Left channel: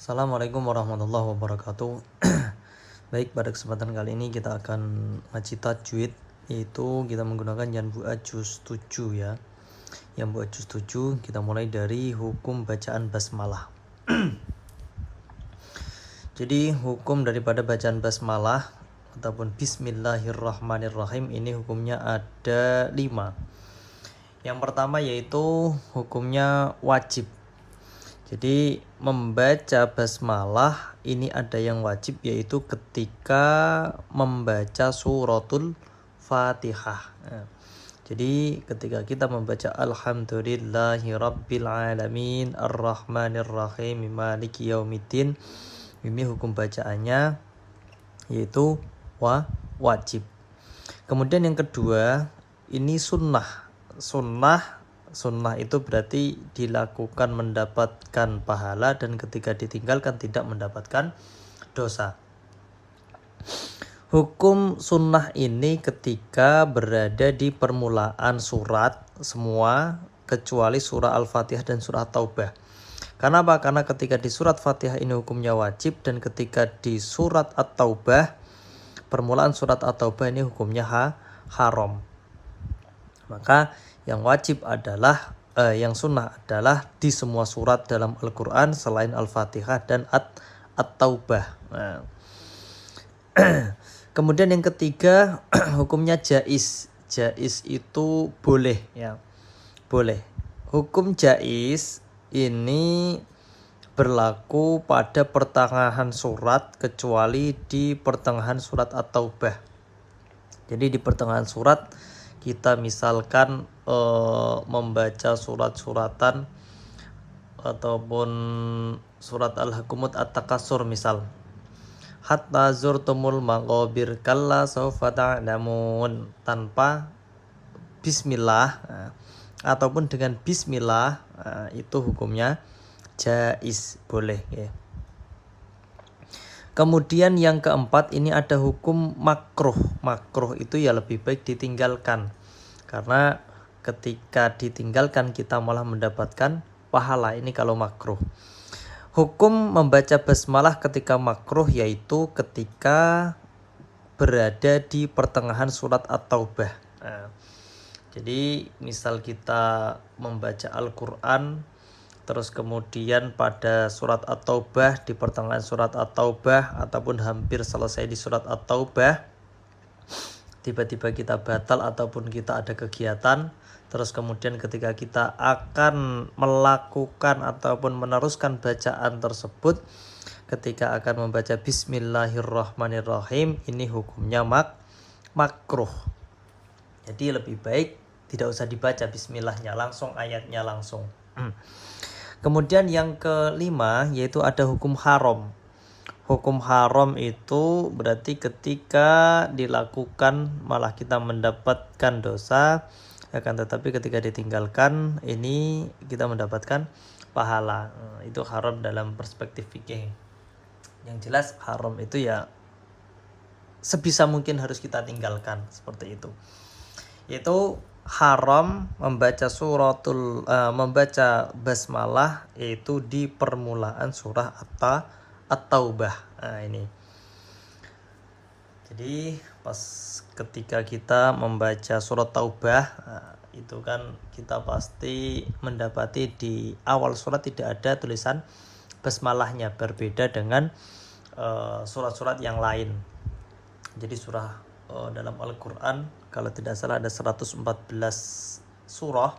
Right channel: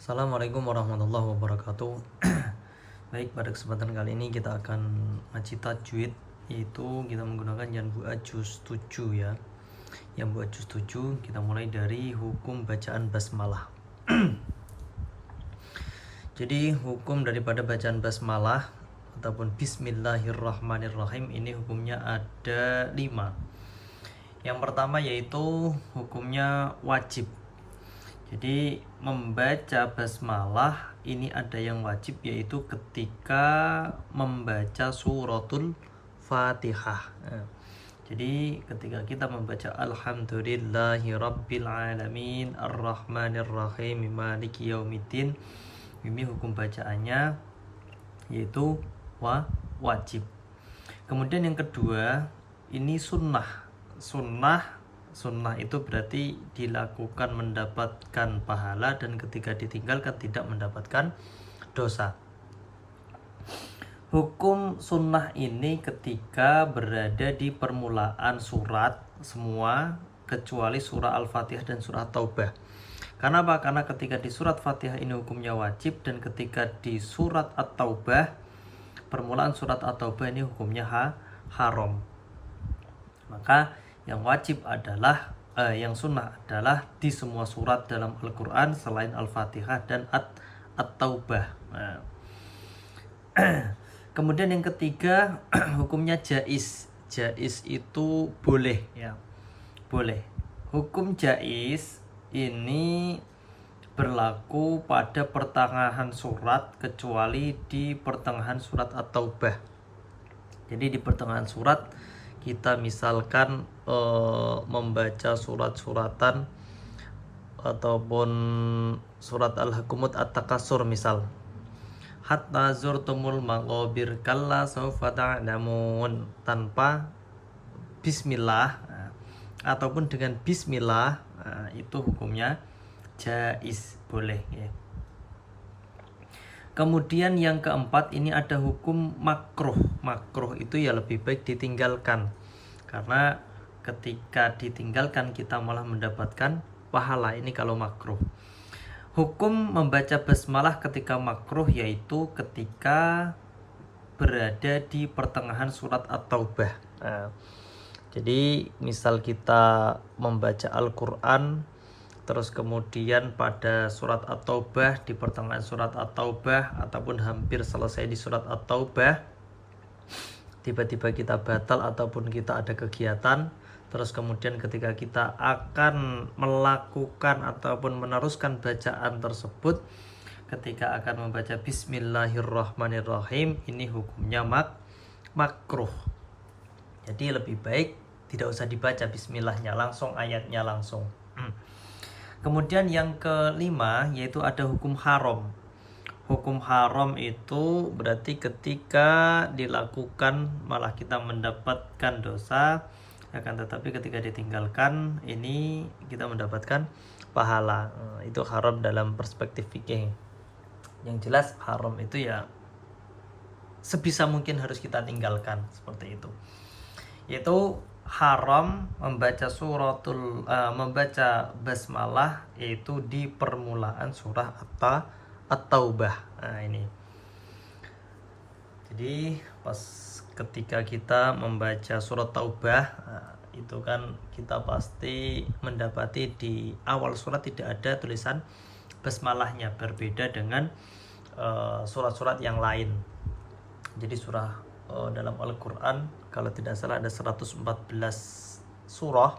Assalamualaikum warahmatullahi wabarakatuh. Baik, pada kesempatan kali ini kita akan ngaji tajwid, yaitu kita menggunakan Yanbu'a juz 7 ya. Yanbu'a juz 7 kita mulai dari hukum bacaan basmalah. Jadi hukum daripada bacaan basmalah ataupun bismillahirrahmanirrahim ini hukumnya ada 5. Yang pertama yaitu hukumnya wajib. Jadi membaca basmalah ini ada yang wajib, yaitu ketika membaca suratul Fatihah. Jadi ketika kita membaca Alhamdulillahirabbil alamin arrahmanirrahim maliki yaumiddin, ini hukum bacaannya yaitu wajib. Kemudian yang kedua ini sunnah. Sunnah itu berarti dilakukan mendapatkan pahala, dan ketika ditinggalkan tidak mendapatkan dosa. Hukum sunnah ini ketika berada di permulaan surat semua kecuali surah Al-Fatihah dan surah Taubah. Karena apa? Karena ketika di surat Fatihah ini hukumnya wajib, dan ketika di surat At-Taubah, permulaan surat At-Taubah ini hukumnya haram. Maka yang wajib adalah yang sunnah adalah di semua surat dalam Al-Quran selain Al-Fatihah dan At-Taubah. Kemudian yang ketiga hukumnya jaiz. Jaiz itu boleh ya. Boleh. Hukum jaiz ini berlaku pada pertengahan surat kecuali di pertengahan surat At-Taubah. Jadi di pertengahan surat kita misalkan membaca surat-suratan ataupun surat Al-Hukumut At-Takasur misal, hatta zurtumul maqabir kalla sawfa ta'lamun, tanpa bismillah ataupun dengan bismillah, itu hukumnya jaiz, boleh ya. Kemudian yang keempat ini ada hukum makruh. Makruh itu ya lebih baik ditinggalkan, karena ketika ditinggalkan kita malah mendapatkan pahala. Ini kalau makruh. Hukum membaca basmalah ketika makruh yaitu ketika berada di pertengahan surat At-Taubah. Jadi misal kita membaca Al-Quran, terus kemudian pada surat At-Taubah, di pertengahan surat At-Taubah ataupun hampir selesai di surat At-Taubah, tiba-tiba kita batal ataupun kita ada kegiatan, terus kemudian ketika kita akan melakukan ataupun meneruskan bacaan tersebut, ketika akan membaca Bismillahirrahmanirrahim, ini hukumnya makruh. Jadi lebih baik tidak usah dibaca bismillahnya, langsung ayatnya langsung. Kemudian yang kelima yaitu ada hukum haram. Hukum haram itu berarti ketika dilakukan malah kita mendapatkan dosa, akan tetapi ketika ditinggalkan ini kita mendapatkan pahala. Itu haram dalam perspektif fikih. Yang jelas haram itu ya sebisa mungkin harus kita tinggalkan, seperti itu. Yaitu haram membaca membaca basmalah yaitu di permulaan surah At-Taubah. Ini. Jadi pas ketika kita membaca surat Taubah, itu kan kita pasti mendapati di awal surat tidak ada tulisan basmalahnya, berbeda dengan surat-surat yang lain. Jadi surah dalam Al-Quran kalau tidak salah ada 114 surah,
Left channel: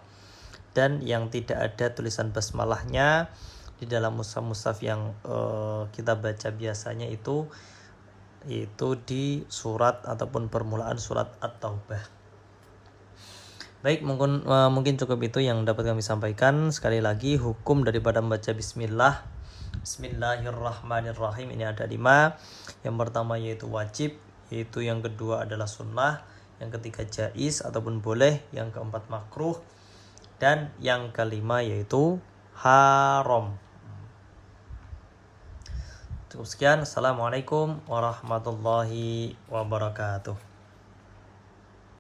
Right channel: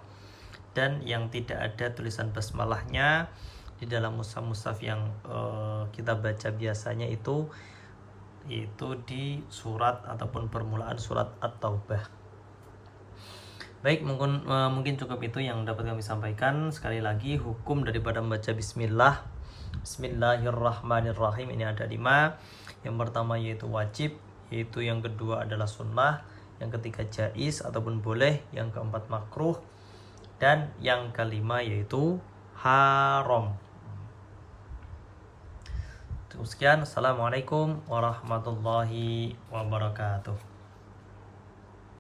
dan yang tidak ada tulisan basmalahnya di dalam mushaf yang kita baca biasanya itu di surat ataupun permulaan surat At-Taubah. Baik, mungkin cukup itu yang dapat kami sampaikan. Sekali lagi hukum daripada membaca Bismillahirrahmanirrahim ini ada 5. Yang pertama yaitu wajib, yaitu yang kedua adalah sunnah, yang ketiga jaiz ataupun boleh, yang keempat makruh, dan yang kelima yaitu haram. Cukup sekian. Assalamualaikum warahmatullahi wabarakatuh.